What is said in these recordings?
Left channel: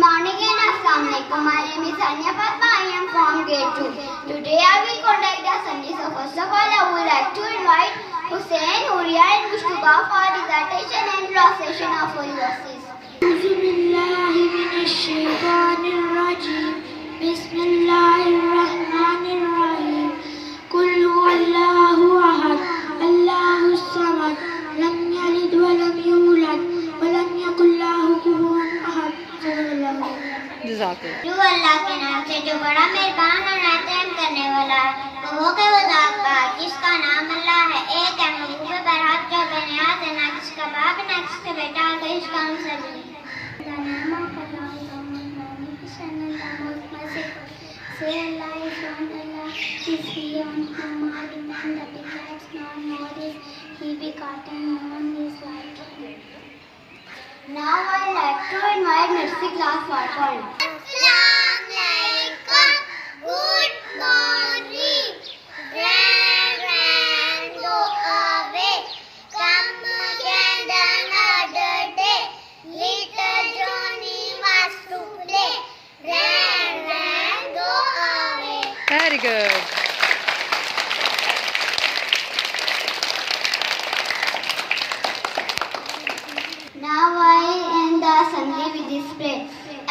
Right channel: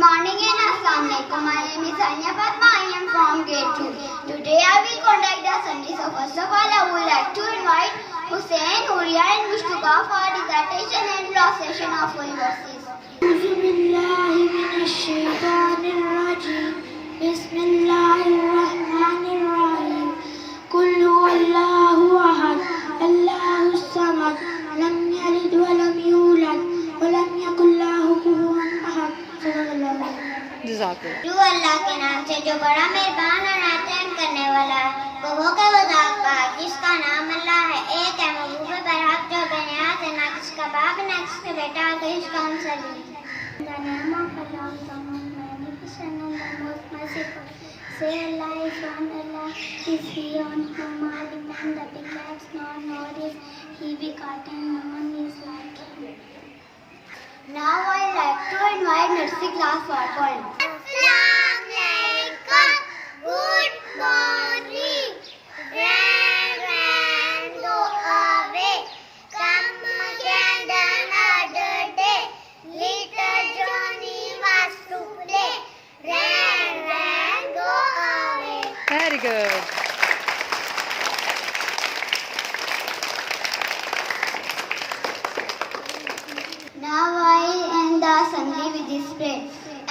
morning and Assalamu alaikum. My name is Anya Fatma. I am from grade 2. Today I will conduct the assembly. So first of all, I would like to invite Hussein, Huria and Mushtuba for dissertation and illustration of holy verses. أعوذ بالله من الشيطان الرجيم بسم الله الرحمن الرحيم قل هو الله أحد الله الصمد لم يلد ولم يولد ولم يكن له كفوا أحد जो अल्लाह के नाम से जो बड़ा मेहरबान और रहम करने वाला है वो वज़ात पाक जिसका नाम अल्लाह है। एक है महबूब बरहक जो बेनियाज है, ना किसका बाप ना किसका बेटा और इसका हमसर नहीं। The name of Allah is the most magnificent and the most merciful. Say Allah is one, Allah is beyond whom all demand that he lacks not nor is he begotten, no one is like him. Now I like to invite nursery class for poem. Assalamualaikum, good morning. Rain, go away. Come again another day. Little Johnny was to play. Rain, go away. Very good. Now I end the assembly with this prayer.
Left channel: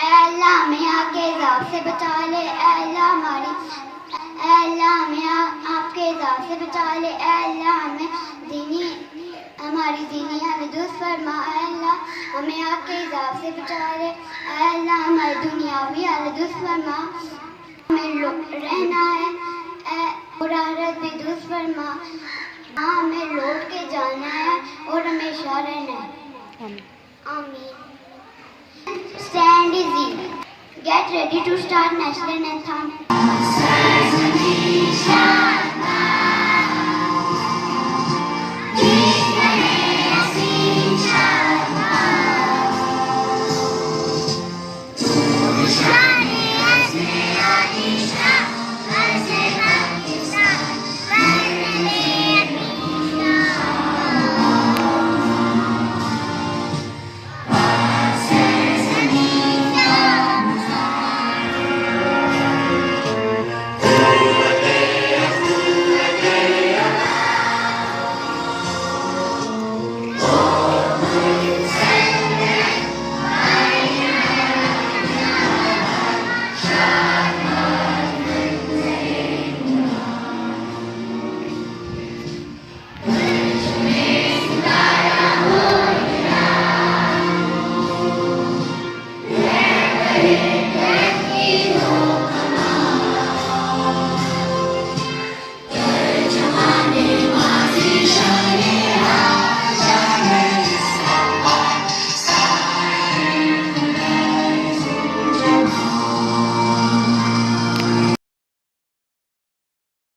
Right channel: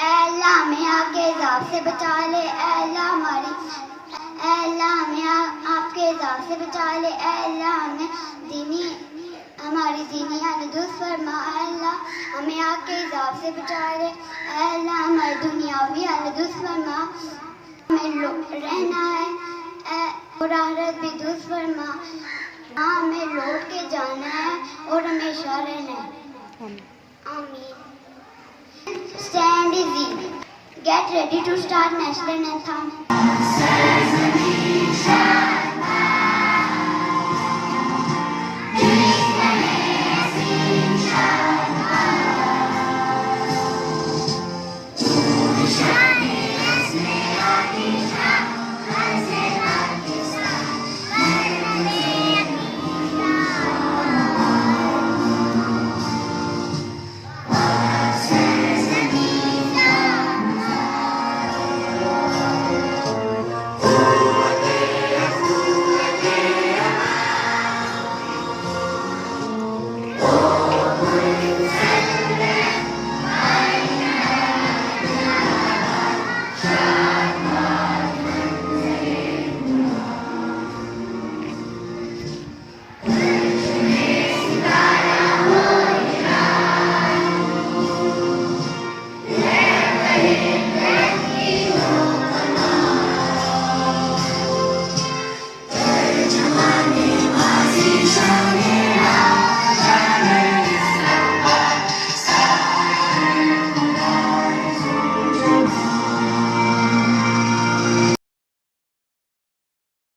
Allah हमें आपके इज़ाब से बचा ले, Allah हमें आपके इज़ाब से बचा ले, Allah हमें हमारी दीनी हालत दुरुस्त फरमा, Allah हमें आपके इज़ाब से बचा ले, Allah हमारी दुनियावी हालत दुरुस्त फरमा, हमें रहना है और आखिरत भी दुरुस्त फरमा, हमें लौट के जाना है और हमेशा रहना है। Amen. Stand easy. Get ready to start national anthem.